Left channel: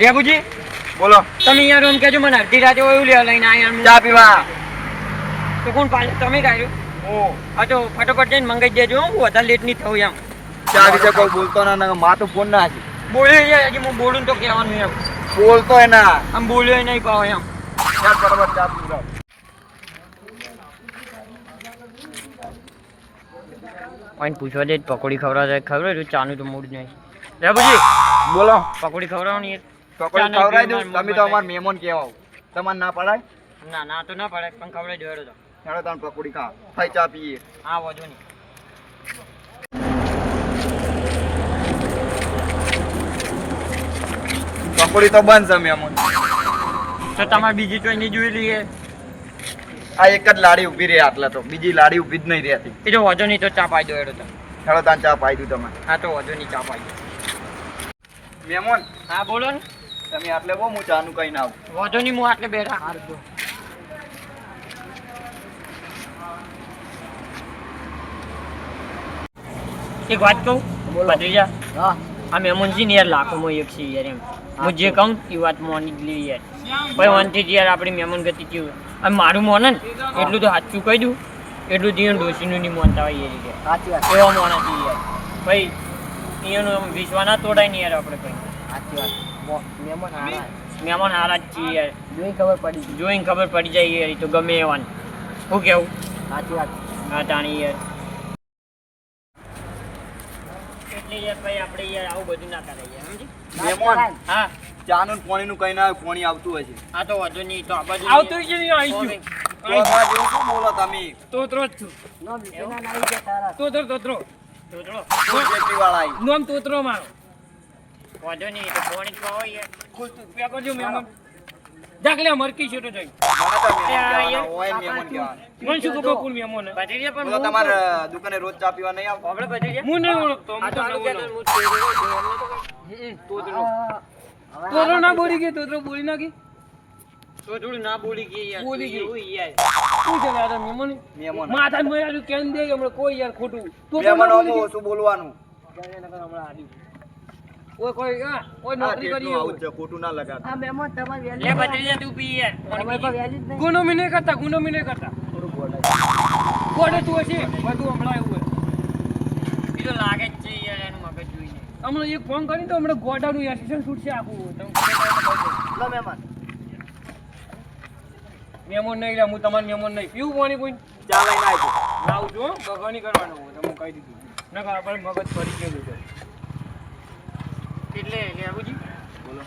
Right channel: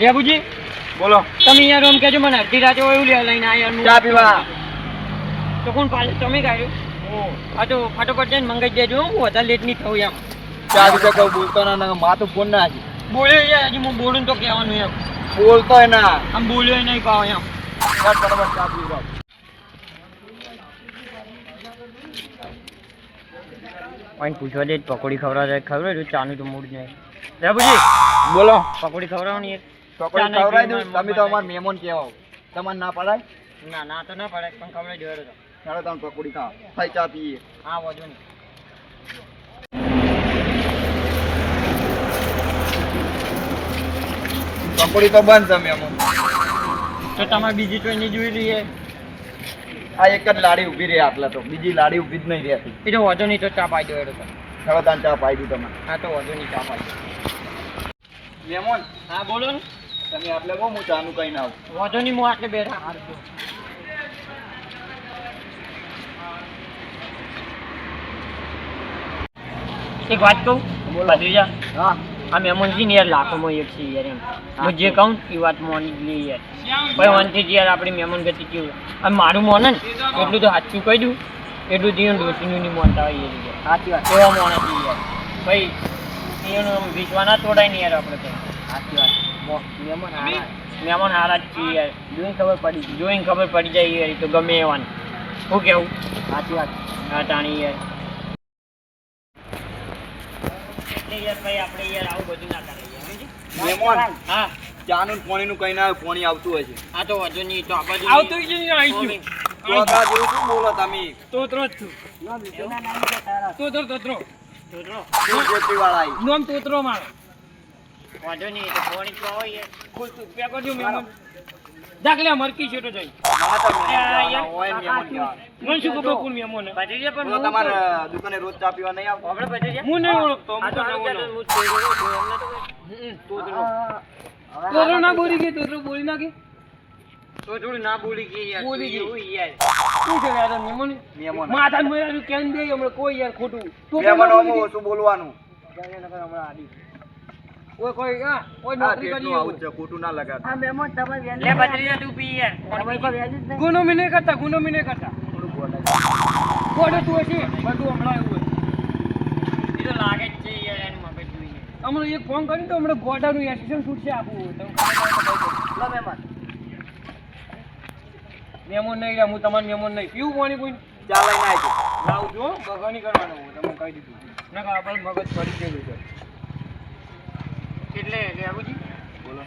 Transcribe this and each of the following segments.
રેબુજી બોલો. તમે યાર એમ કહેજો મને અડધી રાતે એવું લેવા લઈને આવ્યા ચા પીવા. તો કોણ પાલે? તમે કાઢ્યો ઓ હા. તો ફટાફટ જઈને મંગાઈ દેજો હું વધારે લેટ નહીં થયું એમ. ચા વિશે કોઈ બોલતો ના મા તો ફોન ના છે બોલ્યો છે હજી હું બોલું તો કહેવાનું એમ. બોલતો ના. આમ બોલ્યો નહીં પાવ એમ. ચાલ બરાબર ચા પીવા કોઈ પૂછવા દે પકોડી ખવડાવે ખવડાવે ચાનું તો મૂડ નહીં. રેબુજી બોલો. પકોડી ખવડાવવાની પકોડી ચા ખવડાવી દઉં? તમે તો અમાર મહેમાન કહેવાઓ. તમારે ના પડાય? ના ના તો ના પડે પણ ખવડાવી દેવાડો તો. ચાલો તમે પકોડી ખા. થઈ ચા પીએ. હા વાંધો નહીં. પકોડી તો બંધ છે મહેમાન. તો તમારે બીજી કોઈ નહીં જોઈ લઈએ આ એક જ લાડી ઊભી રહી આટલા તો. બીજી લાડી ઊભી જ નહીં રહેતી. એ તો વાંધો નહીં તો ચા પાઈ દો એડો તો. ચાલો તાન ચા પાઈ દઉં તમે હા તો વાંધો નહીં ચા પાઈ દો. મહેમાન. હા બોલો ને. તમે આટલે બહુ હું ચાનું કઈ ના વાંધો નહીં હું આટલે બેઠા. હારજો એક વાત કહું? ભત્રીજા હા. આ મહેમાન છે ને યાર લાખોમાં એક છે યાર એમ. હું. જે કહું એ વાત મોની જ લે યાર. ભાઈ વનથી યાર આપણી મહેમાન ગતિ કેવું અને મારું મોને ને એટલું તો સાચું કહી દઉં. એટલું દિયન ડોસીનું નહીં મોનતા હોય એ રીતે સાચી વાત. એવા મોણા હતી યાર. ભાઈ એનું વિશ્વાના તોડાય ને યાર આપણે ભાઈ સાચી વાત. મહેમાન હારા. મહેમાન હારા જ છીએ. જોઈને ખબર પડી જોઈને ખબર પડી જાય યાર એ તો ગમે એવાની. શું કેવું? સાચી વાત. હા તાણી યાર. એટલે આપણે યાર આવું બધું ના કરાય મહેમાન હા ચાનું ને પાણીનું કઈ ના પાણી આવતું હોય છે. આ તો વાંધો નહીં તો આવતું જ નહીં આવી ગયું. તો બોલો. નોમ તોતરો મારો. વાંધો નહીં તો પાણી તો હોય ખુશ તું. કરજો મહેમાન. દાખલે મરકી છે તો જોઈ. મને તો મહેમાન કહેવાના હોય મહેમાન કહેવાના. મને શું ખબર કોણ મહેમાન હે? પણ તમારે દુકાને રોજ ચા પીવા નહીં આવતો. આપણે ભત્રીજા? હું નહીં ઓળખતો હું તો તો નવો નવો. તોતરો છું, અમને તો કોઈ- હમ, તોતરો તોતરો ના બોલી ગઈ તોતરો બોલી ના ગઈ યાર બોલી ગઈ. યાર. શું છે યાર મહેમાન? મહેમાન. માથા કેમ દે હમણાં? કોઈ યાર ખોટું. બોલી ઓછું બોલવાનું. કોઈ કોઈ કોઈ નોકરી કરી આવું છે, ખોટું ના લગાડ. લે ભત્રીજા તું પી યાર. ગુનો મી નહીં કરતા ગુનો મી નહીં કરતા. કોડે તું છે બધું હમણાં એવું હોય. ઈ તો લાગે જ છે યાર એનું મગજ જોઈને. હમણાં એક ફોન કરી તો હમણાં ગોડાનું એસિસ્ટન્ટ છૂટશે આખું. તમે દો. મહેમાન. નહીં લે હું તમારે મહેમાન નહીં. પીવું પાણી કોઈ ચાલે ના આવજો. લાવું કરવાનું હું બગા નહીં કરવાનો હોય તમે કહી દીધું. ના આપણે મગજ ફરી ગયેલું છે. એટલે આબુજી બોલો.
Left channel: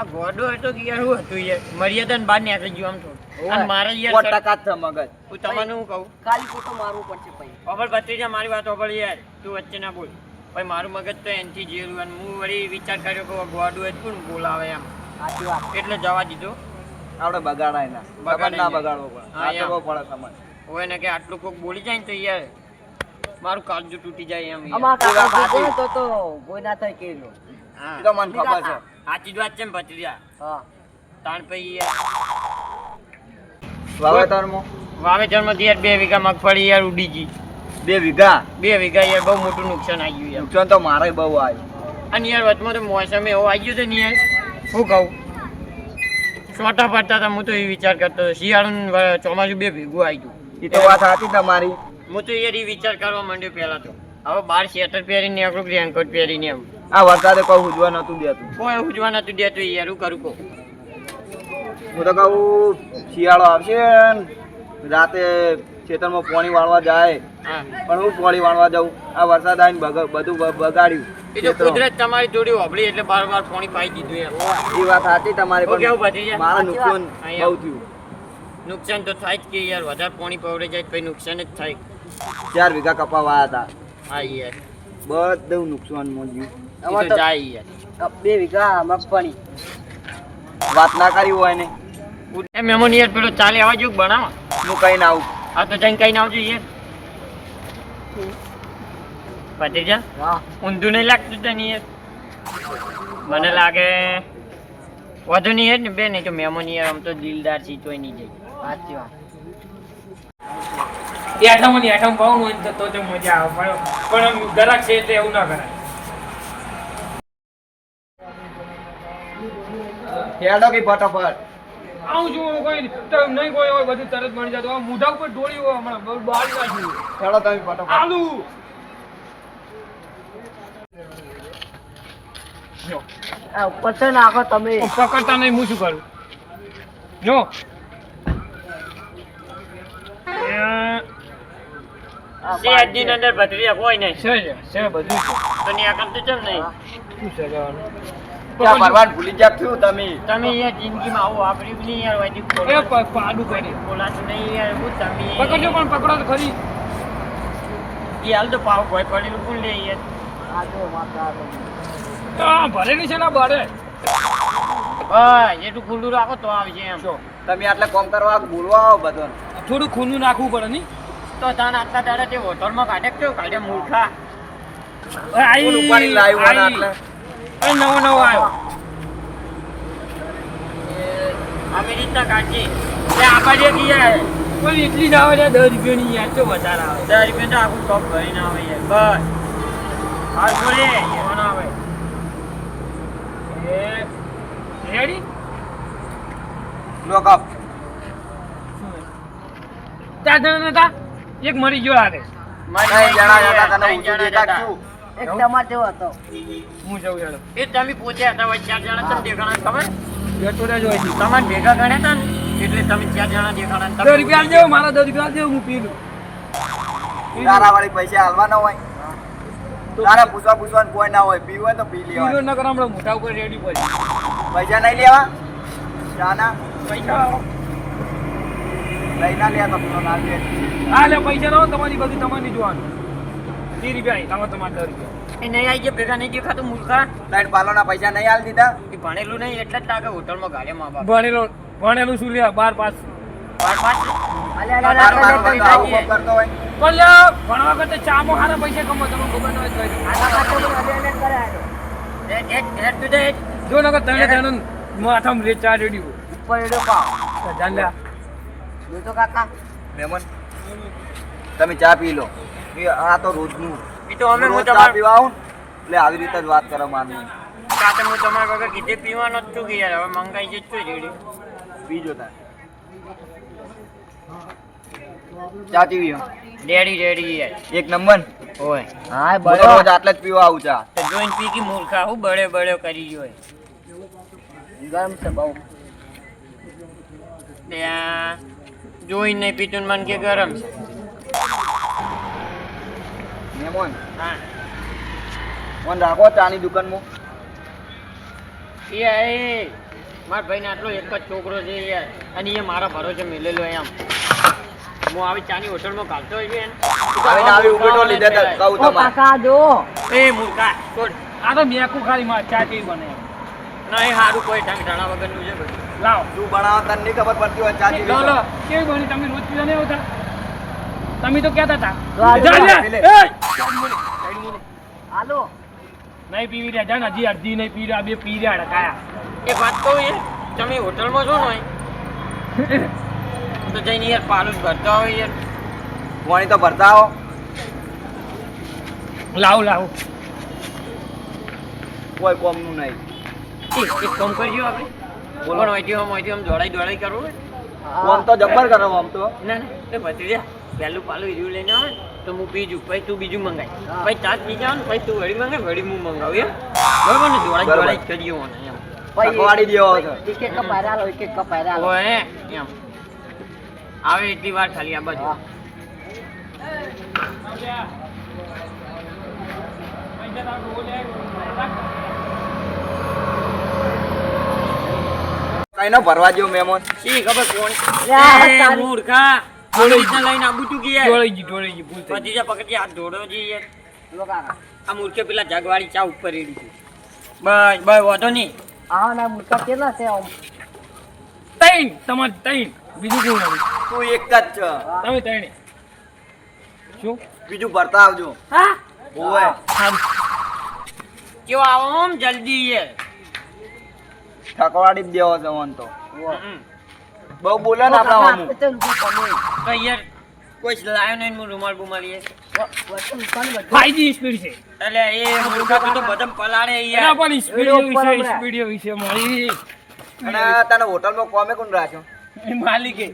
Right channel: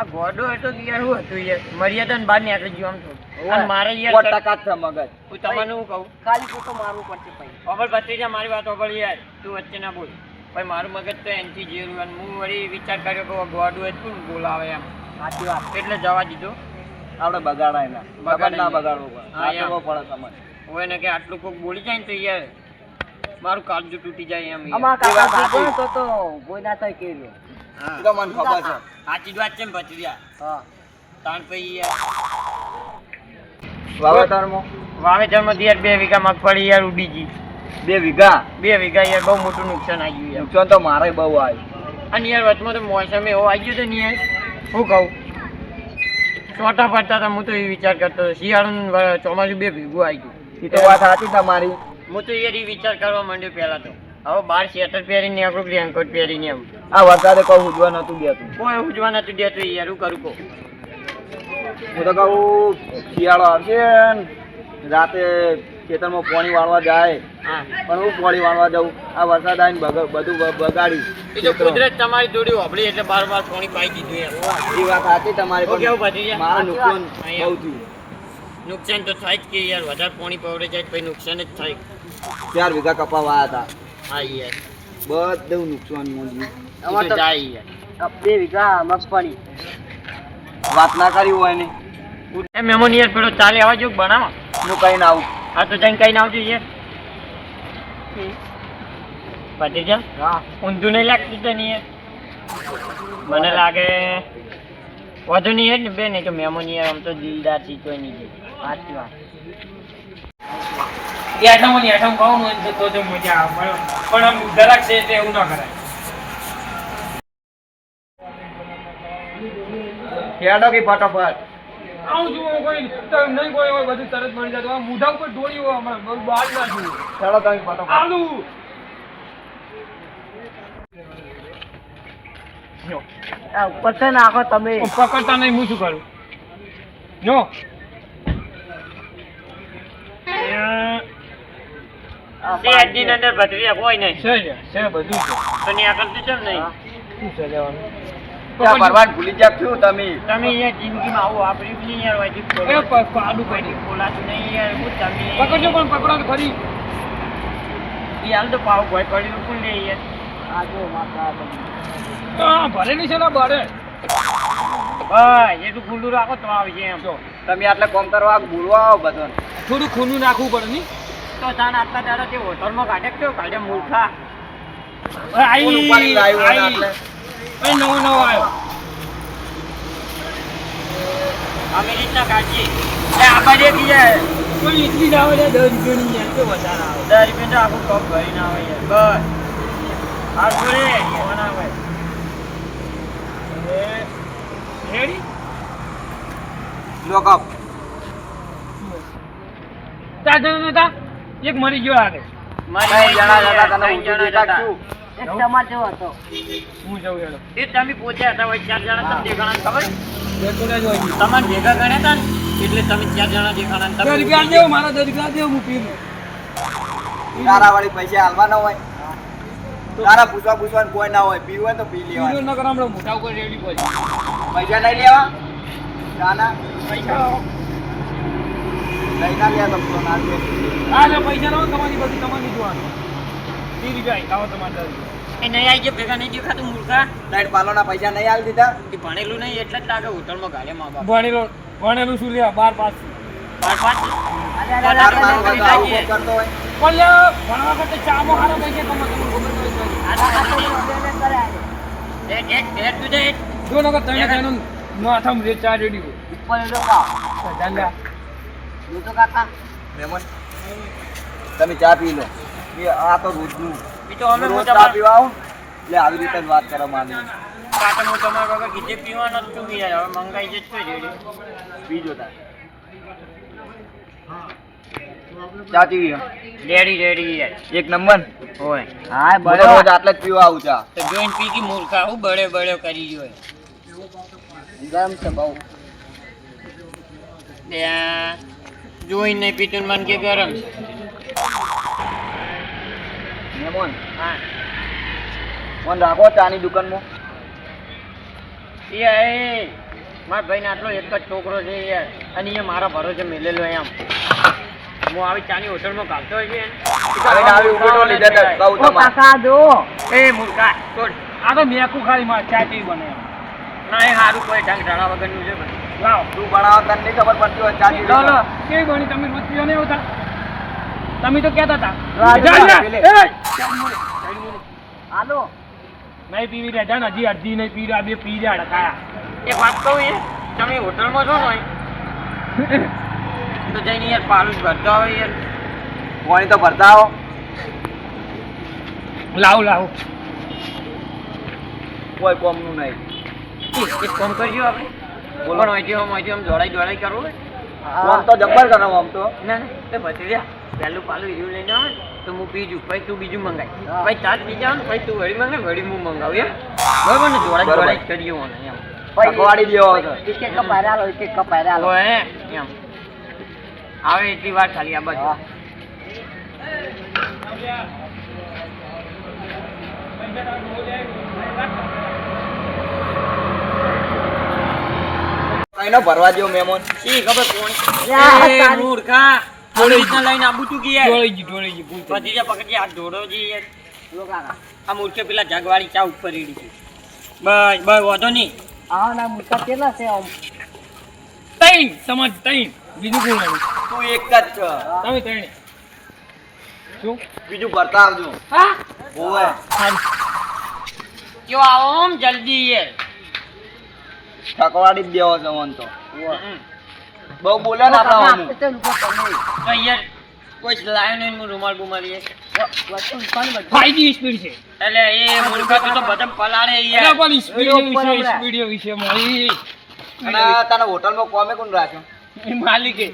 આ ગોડો હતો કે યાર શું હતું યાર. મર્યાદા ને બહાર નીકળી ગયું આમ તો. અને મારે યાર ટકા જ મગજ. હું તમને હું કહું? ખાલી ફોટો મારવું પડશે પછી ઓબળ ભત્રીજા મારી વાત ઓબળ યાર. તું વચ્ચે ના બોલ. ભાઈ મારું મગજ તો એનથી જેરું અને હું વળી વિચાર કર્યો કે ગોડો હતું કોણ બોલાવે એમ. સાચી વાત. એટલે જવા દીધો. આપણે બગાડાય ના બગાડ ના બગાડવો પડે. હા. સાચવવો પડે તમારે હોય ને કે આટલું કોક બોલી જાય ને તો યાર મારું કાળજું તૂટી જાય એમ અમાર કાળજું તો તો કોઈ ના થાય કેલો હા. એ તો મને ખબર છે. સાચી વાત છે ને ભત્રીજા. હા. તાણ પછી વાવેતરમાં? વાવેતરમાં યાર બે વીઘા મગફળી યાર ઉડી ગઈ. બે વીઘા? બે વીઘા યાર બહુ મોટું નુકસાન આવી ગયું યાર. નુકસાન તો મારે બહુ આવ્યું અને યાર વચમાં તો મોસમ એવો આવી ગયો તો ને યાર. શું કહું? છોટા પડતા હતા હું તો એ વિચાર કરતો શિયાળું ચોમાસું બે ભેગું આવી ગયું. એ તો વાત સાચી તમારી. હું તો યાર એ વિચાર કરવા માંડ્યો પહેલા તો. હવે બાર સ્વેટર પહેરીને આપણું રેનકોટ પહેરીને એમ આ વરસાદે કોઈ ઉજવા નતું દેતું. કોઈ ઉજવા નતું દેતું યાર હું કરું કહું. હું તો કહું શિયાળો આવશે રાતે ખેતરમાં પાણી વાળવા જાય. પણ હું પાણી વાળવા જાઉં. આ વરસાદ આવીને બધું બગાડ્યું. કુદરત તમારી જોડી હોબળી એટલે બાર બાર પાણી પાઈ દીધું એ વાત હતી તમારી પણ મારા નુકસાન. બહુ થયું. નુકસાન તો થાય જ કે યાર વધારે પાણી પવડે જાય કઈ પછી નુકસાન જ થાય. ચાર વીઘા કપાવા હતા. હા યાર. બધું નુકસાન મોજ્યું એ તો જાય બે વીઘા મગફળી. વાત ના કરી હોય ને. એ મહેમાન યાર પેલો ચાલે આવા જેવું બનાવો. હું કઈ ના આવું. આ તો જઈને કઈ આવજો યાર. ઊંધું નહીં લાગતું તને યાર? મને લાગે વધુ નહીં યાર ને બે નહીં તો યાર આમ તો દિલદાર છે તોય નહીં જાય. સાચી વાત. ત્યાંના મને આઠમ કહું તો તો મજા આવે. પણ- પણ આમ દરાક છે એટલે એવું ના કરાય. હેડો કે ફટાફટ. આવું છું કોઈ નહીં કોઈ હોય બધું તરત મળી જાય. તો આ મોઢા ઉપર ડોળી હોય હમણાં. બહાર નાખ્યું. હેડો તમે ફટાફટ. આલુ. ઉપર છે નાખો તમે. પકડતા નહીં હું શું કરું? જો. અંદર ભત્રીજા કોઈ નહીં. છે છે છે બધું છે. તો ને આ કરતું કેમ નહીં. શું છે લેવાનું? ત્યાં ભરવાડ ભૂલી ગયા છું તમે? તમે યાર જિંદગીમાં આવો આપણી બી નહીં યાર વાજી એ આડું કરી. બોલાતું નહીં યાર હું તમે. પકડજો પણ પકડો તો ખરી એ હાલ તો પાવ ભય પડી કોણ લે યાર? આ જો માતા તો આ ભરેલી છે ને બારે? બસ એટલું ખુલ્લું રાખો તો આવશે એમ. તમે આટલે કોમ કરવા બોલવા આવો બધો થોડું ખૂનું નાખવું પડે નહીં? તો તાન આટલા દાડા તે હોટલમાં કાઢે કે કાઢે મૂર્ખા. આઈ ને આઈ. આટલે? અરે નવો નવો આવ્યો અમે રીતના કાઢીએ એટલે આ બાજુ એક જાય કોઈ એટલી ના આવે દસ રૂપિયાની યાર તો વધારે આવે દસ રૂપિયા તો આખું કપ ભરીને આવે યાર બસ આવે રેડી લોક અપ ચાર જણા હતા એક મરી ગયો આરે ત્રણ જણા હતા તને ઊંચું દેખાડ છું એક તમાર જેવો હતો. હું જાઉં હેડો. એ તમે પોતે હતા હોય ચાર જણા તમે દેખાણા ખબર? જતો રહેજો અહીંથી. તમારે ભેગા ગણ્યા હતા ને? એટલે તમે ચાર જણા દેખાણા તમે રૂપિયા દેવો મારા દસ રૂપિયા દેવો હું પી લઉં તારા વાળી પૈસા હાલવાના હોય. તારા પૂછવા પૂછવાનું કોઈ ના હોય. પીવું હોય તો પી લેવા લેવાનું ન કરો હમણાં મોઢા ઉપર રેડી પછી પૈસા નહીં લેવા? ચાના પૈસા લઈ ના લે તો તો ના લે. હા લે પૈસા નો તમારી બધી તમારી જોવાનું ત્રીસ રૂપિયા અહીં તમારે દસ રૂપિયા એ નહીં આવી ગયા ભેગા નહીં દેખાતું મૂર્ખા ત્રણ પાલોના પૈસા નહીં હાલ દીધા એ ભણેલું નહીં એટલે જ લાગે હોટલમાં ગાળે મા બાપ ભણેલો ભણેલું શું લે બાર પાસ ભણવા કરતા ચામો હારા પૈસા કમો ખબર જો નકર તમે તને માથામાં રે ચાર ઉપર એડો કાકા તમે ચા પી લો આ તો રોજનું. એ તો અમે હું તમારે પીવા આવું એટલે આવી રીતે જ વાત કરવા માંગુ કાતે હું તમારા વગર કીધે પીવાનો જ છું કે યાર હવે મંગાઈ જ તો જોડે બીજો તાર. ચા પીવી રેડી રેડી યાર. એક નંબર? હોય હા હું રોજ આટલે જ પીવા આવું ચા. તો જોઈને પી કે મૂર્ખા હું બડે બળે કરી જોય છે બહુ. ત્યાં જોઈને પીતું ને મન કે ગરમ છે. મહેમાન. હા ફોન રાખો ચાની દુકાનમાં. એ એ મારા ભાઈને આટલો એક જ છોકરો છે યાર અને એ મારા ભરોસે મેલેલો એમ. હું આવી ચાની હોટલમાં કાઢતો હોય કાકા જો. એ મૂર્ખા છોડ. આ તો મેકું ખાલી માં ચા કેવી બને ના એ સારું કોઈ ઢંગ ઢાણા વગરનું છે. લાવો. તું તને ખબર પડતી હોય ચા લો લો કેવી બની તમે રોજ પીવા નહીં આવતા તમે તો કહેતા હતા. હાલો. નહીં પીવી રહ્યા જાણ હજી અડધી નહીં પી રહ્યા બે પી રહ્યા અડકાયા. એક વાત કહું એ તમે હોટલમાં છો ને તો જઈને યાર પાલું ભરતા હોય યાર. પાણી તો ભરતા આવો. લાવો લાવો. કોઈ કોમનું નહીં. એક કોમ કામ કરજો આપણે. બોલો. બોલો અહીંથી આમ જોડાઈ આમ દોડાઈ દોડાઈ કરવું હોય. કોમ તો જબ્બર કરો આમ તો. ના ના એ લે પહેલું પાલું હીરું લઈને આવે તો હું બીજું પછી તું બીજું મંગાવી પછી તાત બીજા આવે ને પછી તું વળી મંગાય વળી હું મંગાવું એમ? બરાબર ને? જોડાઈ જોડાઈ કરીએ એમ. થકવાડી દેવો છે એક એક કપ હારે હાલો એક એક કપ હારે હાલો હોય એમ. આવે એટલી વાર ખાલી આ બાજુ. કઈ ન ભરવા દો મહેમાન શી ખબર કોણ? મૂર્ખા. લઈને આબુ તું કે યાર? ડોળી ગઈ ડોળી ગઈ ભૂલ થઈ પછી પકડી હાથ ધોડો જી યાર. જો કાકા આ મૂર્ખે પેલા જગવાળી ચા ઉપર રેડી છે. બસ બસ વાંધો નહીં. આવા ના મુર્ખા કેટલા છે આમ. તૈણ તમારે તૈણ બીજું કોણ આવ્યું તું એક જ છે. તમે તૈણે શું? બીજું ભરતા આવજો હા ઓવે કેવો આવો આમ જલ્દી યાર. થકવાડી જ દેવો છે મન તો. બહુ બોલે ને આપણા તે યાર કોઈ લાયો નહીં હું રૂમાલ બુમાલ એ વ- વસ્તુ ઉપાડ બધું. ફાઈવ જી સ્પીડ છે. એટલે એ મૂર્ખા તો બધા પલાળે એના યાર. પણ સ્પીડ હમણાં. સ્પીડ વિશે મારી અને તને હોટલમાં કોમે કોણ રાખ્યો? માલિકે.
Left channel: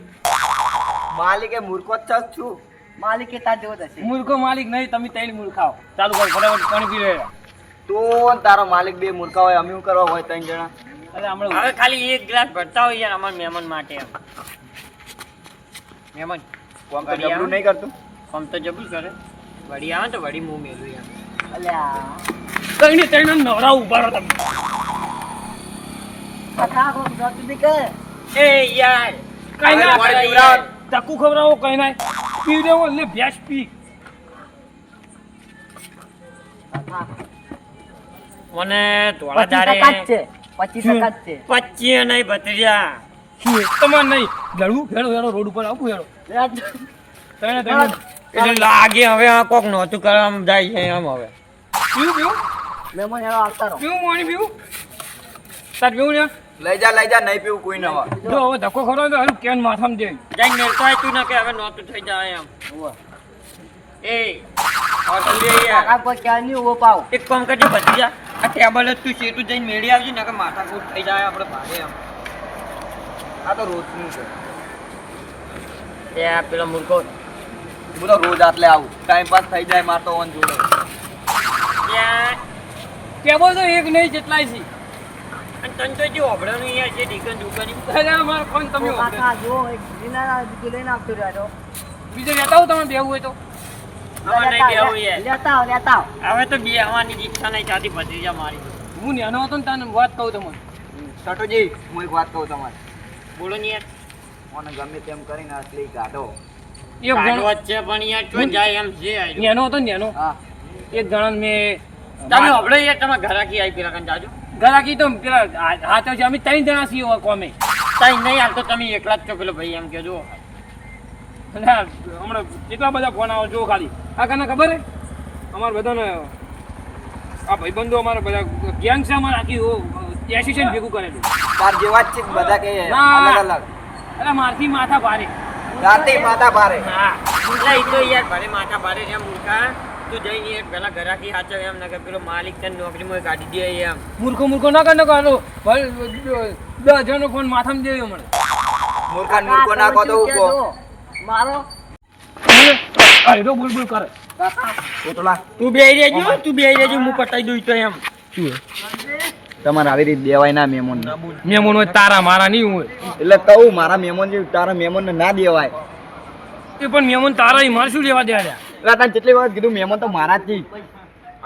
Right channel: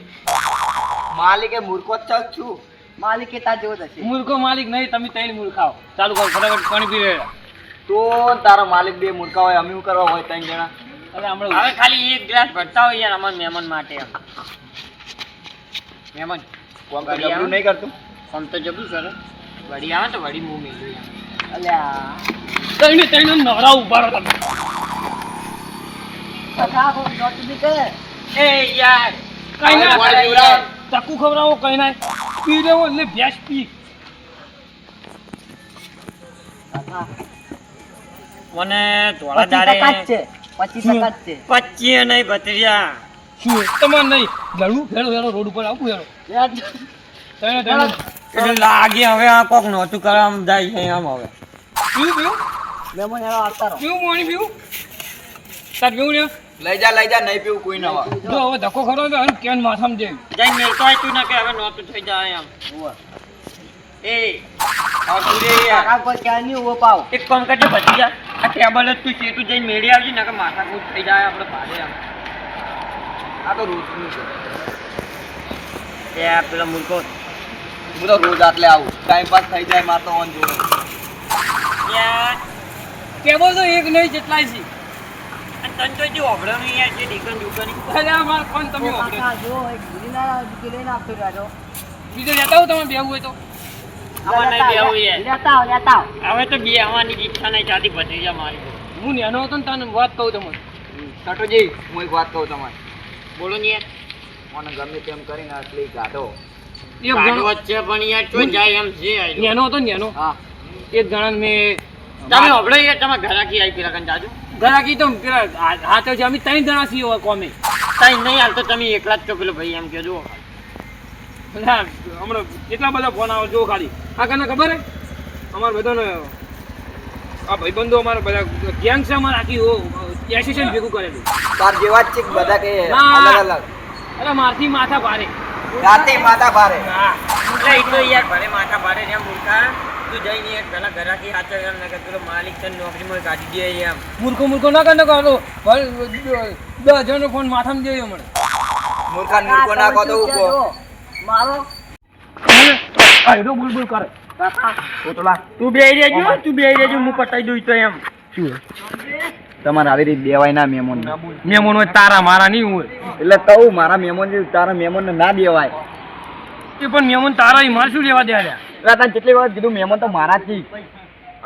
માલિકે મૂર્ખો જ છું માલિકે તા તાર જેવો જ હશે. મૂર્ખો માલિક નહીં તમે ત્રણ મૂર્ખાઓ. ચાલુ કરો ફટાફટ પાણી પી રહ્યા તો તારો માલિક બે મૂર્ખા હોય અમે શું કરવા હોય ત્રણ જણા? અરે હમણાં હવે ખાલી એક ગ્લાસ ભરતા હોય યાર અમારા મહેમાન માટે. એમ જ. કોમ તો જબરું નહીં કરતું? કોમ તો જબરું કરે. વડી આવે તો વડી મું મેલું એમ. અલ્યા. તઈને તઈને નવરા ઊભા રહો તમે. કથા કોઈ જોતું કે? એ યાર. કઈ ના. યાર. ખવડાવો કઈ ના પી લેવો એટલે ભેંસ પી. મને ધોળા પચીસ ટકા દાડે છે. પચીસ ટકા જ છે. પચીએ નહીં ભત્રીજા તમારે નહીં. જડવું ફેરો ફેરો રોડ ઉપર આવું ફેરો એટલે લાગે હવે આ કોક નહોતું આમ જાય છે આમ હવે. પીવું પીવું? મહેમાન એવા આવતા રહો. પીવું પાણી પીવું? તાર પીવું ને? લઈ જા લઈ જા નહીં પીવું કોઈ ના જો હવે ધક્કો ખરો તો હારું કેન માથામ દે. જઈને મેલ તો આયતું ને કે હવે નહોતું થઈ જાય એમ. એ તું એક કામ કરજે ભત્રીજા આ ટેબલ જ તું સીટું જઈને મેળી આવજે ને કે માથા કૂટ થઈ જાય આપણે ભાગે એમ. આ તો રોજનું છે. એ આ પેલો મૂર્ખો. હું તો રોજ આટલે આવું. ટાઈમ પાસ થઈ જાય માર તો ઓન જોડે. કેવો તો એક નહીં જેટલાય છે. અને તને તો જે ઓભળાનું યાર છે ડીકન દુકન અરે આ ફોન તમે ઓ જો એક દીકરી લઈને આવતો રહ્યો બીજો લેતા આવો તમે બેવું હોય તો. આમાં નહીં બેહવું યાર. લેતા આવ લેતા આવ. હવે તો બે આવવાની ઈચ્છા નહીં ચાલતી ભત્રીજા મારી. હું નેનો હતો ને તને વાત કહું તમને. સટોજી હું એક વાત કહું તમારે બોલો ને યાર. મને ગમે તેમ કરીને આટલી ગાઢો. જણો જ છે પણ યાર તો જાય એમ છે નેનો હતો ને નેનો. હા. એક ગણન મેં તમે ઓભળો યાર તમે ઘરાકી આવી પેલા કન જાજો. ઘરાકી તો પેલા હાથે છે અમે ત્રણ જણા છીએ કોમે. ત્રણ નહીં હાલ તો તમે એકલા જ છો પેલો ભાઈ એમ કહેજો આ હમણાં કેટલા બધા ફોન આવે જો ખાલી. આ કને ખબર હે? અમારે બધાને આ ભાઈબંધો અમારે બધા ગેંગ છે અમારે આખી એસોસિએશન ભેગું કરેલું. તાર જેવા જ છે બધા કે અલગ અલગ. અરે મારથી માથા ભારે. રાતે માથા ભારે. હા. એટલે યાર ભલે માથા ભારે એમ મૂર્ખા તું જઈને યાર પેલા ઘરાકી સાચો એમ ને પેલો માલિક તને નોકરીમાં કાઢી દે એમ. મૂર્ખો મૂર્ખો ના કર ના કરો. દસ જણનો ફોન માથામાં જોયો મને. મૂર્ખા મૂર્ખો ના કહો તો ઊભો. મારો? આયરો બુલ બુલ કરે. તું બે રહેજો તું બે રહેજો હું પટાઈ દઉં તો એમ. તમારે આવી રીતે દેવાય ના મેમોન મેમોન હોય તારા મારા નહીં હોય. એટલે કહું મારા મેમોન તારા મેમોન ને ના દેવાય. એ પણ મેમોન તારા મારે શું લેવા દે એટલે તને કેટલી વખત કીધું મેમોન તો મારા જ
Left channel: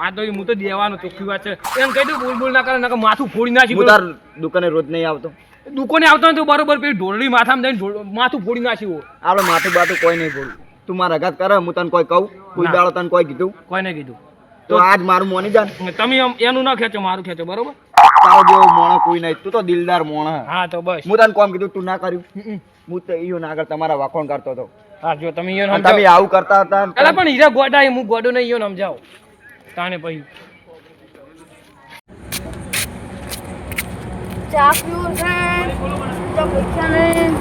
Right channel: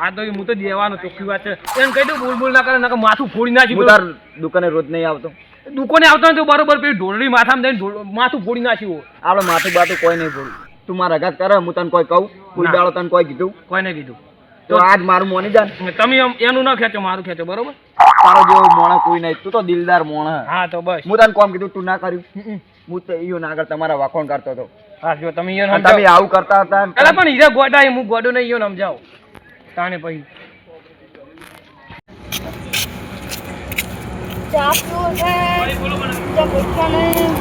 આ તો હું તો દેવાનો ચોખ્ખી વાત છે. એમ કહી દઉં બોલ બોલ ના કરે નકર માથું ફોડી નાખી હું તાર દુકાને રોજ નહીં આવતો. દુકાને આવતો ને તો બરોબર પેલી ઢોલડી માથામાં જઈને માથું ફોડી નાખ્યું આપણે માથું બાથું કોઈ નહીં બોલું તું મારા ઘાત કરે હું તને કોઈ કહું કોઈ દાડો તને કોઈ કીધું. કોઈને કીધું. તો આજ મારું મોની જા તમે એનું ના ખેંચો મારું ખેંચો બરોબર? તારો જેવો મોણા કોઈ નહીં. તું તો દિલદાર મોણે. હા તો બસ. હું તને કોમ કીધું તું ના કર્યું. હું તો ઈયો ના આગળ તમારા વાખોણ કરતો હતો. હા જો તમે ઈયો તમે આવું કરતા હતા એટલે પણ હીરા ગોડા હું ગોડો નહીં ઈયોને સમજાવો. તાણે પછી ચા પીવું છે? ચા પૈસા નહીં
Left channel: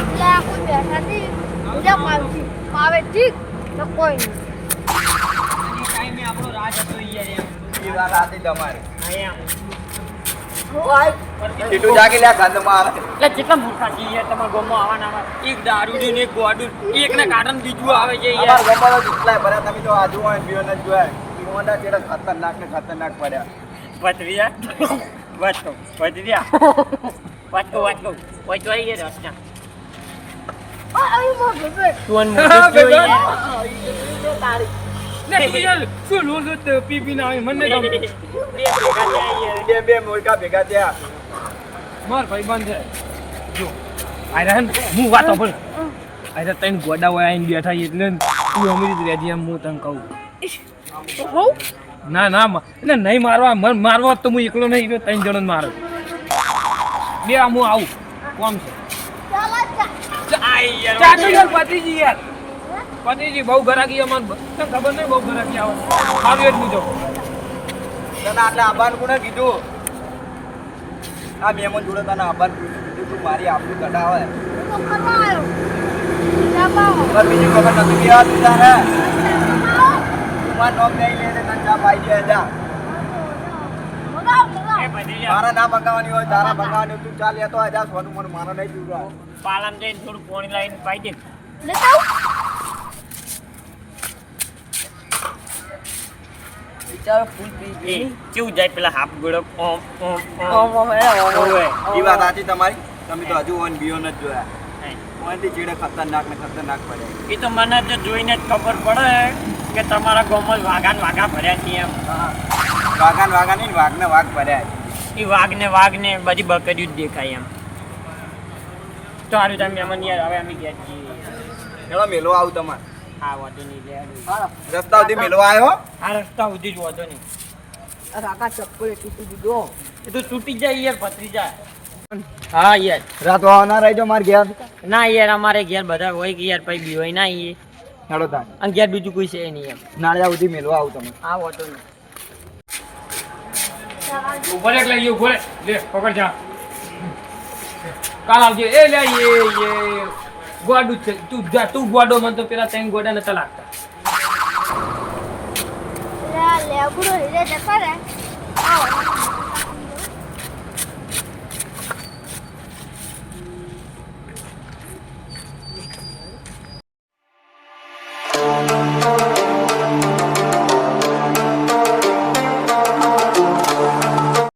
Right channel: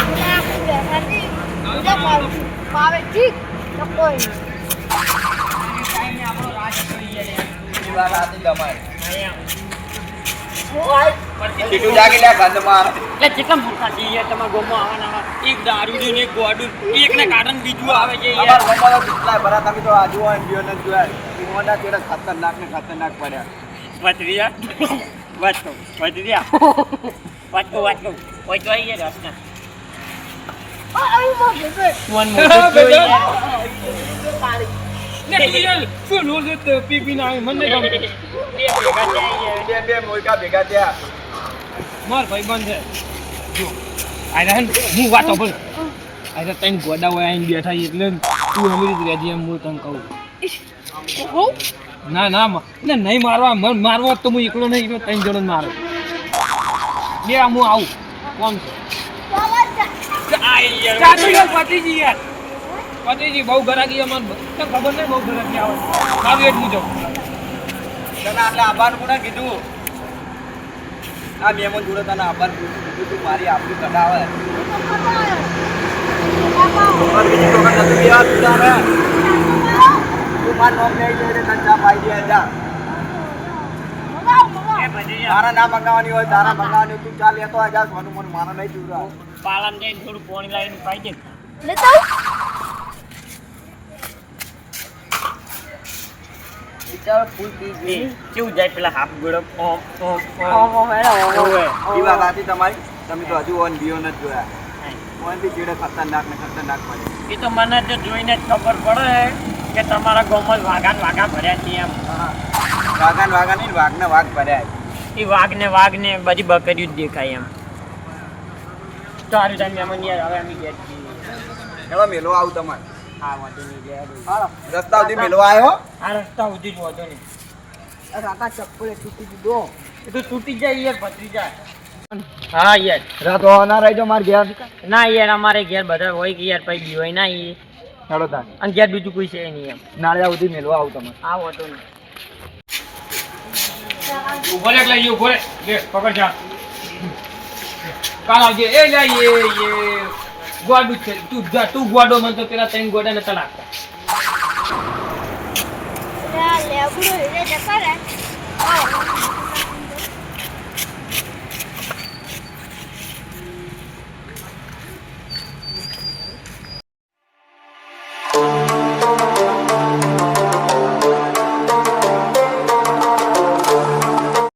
એટલે આખું બેઠા હતી. બીજા માવ- માવે ઠીક તો કોઈ નહીં. એ વાત સાચી તમારી. હું આય સીટું જાગી લે ગંધમાં. આવે. એટલે કેટલા મૂર્ખા છે યાર તમારા ગામમાં આવવાના આવા. એક ને એક ગોડું. એકને કાઢન બીજું આવે છે યાર. અમારા ગામમાં તો કેટલાય ભરા તમે તો આજુ હોય ને જોયા. મોંડા ખતરનાક ને ખતરનાક પડ્યા. ભત્રીજા વાંચો કહું વાંચો વાત કહું વાત કહું ને માર ભાઈબંધ છે. જો આયરા હું વાત સાંભળ. આયરા તઈને ગોડા હોય આઈને બેઠા છે એટલે તું અમીરી જ રહેજે એમ હું તને કહું. હું? ના ના મા- એટલે નહીં મારવા. મને મારવા તો હું એકલો નહીં ત્રણ જણ મારે. બે આ હું આવું. કોમ છે ચાલો ચા. આઈ યાર ચા તો યાર પતિજી યાર. પતિજી બહુ અમાર. તને ખબર નહીં બહુ ગરાકી આવે. મારું એટલું જાઉં તને આટલે આભાર કોને કીધું? આ મહેમાન જોડે તને આબાન કીધું તું મારી આપણી કઢાવે આવે. બીજી વખત નથી પીવા તું તારે માર નોમ નહીં લઈને તને ચા પાઈ દે જા મારા ના મંગાવવાની હોય તારા મંગાવવાની હોય તું ચાલ લેતો આ જા સોનું મને મારો નહીં જીવડો પાલામાં જઈને થોડું પાણી લાવીને પાઈ દે. બિચારો ફૂલ પી એ કેવું જાય પેલા હાફ ગોળો? ઓમ ઓમ ઓમ. ઓવે. એ વાત તમારી? તમે તો હજુ ઓન બીઓ નથી જોયા. કોઈ બી ચીડે ખતરનાક ને ખતરનાક પડે. એ તો મને તો જોઈને જ ખબર પડે કે તમારા ગામમાં વાઘા ને વાઘા ભર્યા છે એમ. વાઘા ને વાઘા નહીં વાઘ ને વાઘ ભર્યા એ વાઘ ને વાઘ ને બધી બકરીઓ જ દેખાય એમ. તો સારું તમે મહેમાન યાર હવે અમે ગયા છીએ. ચલો મેલો આવું તમારે? હા વાંધો નહીં લે. રસ્તા સુધી મેલો આવ્યો આ રસ્તા સુધી જ વાંધો નહીં. આ કાકા ચપ્પલે તૂટી દીધો. એ તો તૂટી જાય યાર પતરી જાય. હા યાર. રાતો ના રહેજો મારે ઘેર? ના યાર અમારે ઘેર બધા હોય કે યાર પછી બી હોય ના યાર હેડો તા અને ઘેર બીજું કોઈ છે નહીં એમ. નાળિયા સુધી મેલવા આવું તમે આ વાંધો નહીં. ઊભો રે એટલે ઊભો લે પકડ જા. કાલ આવજે. એ લે, એ એ. ગોડું છે. તું જા, તું ગોડો મને તો પેલા ત્રણ ગોડા નતા લાગતા લે લેબડો હીરે જતા રહે. આવો.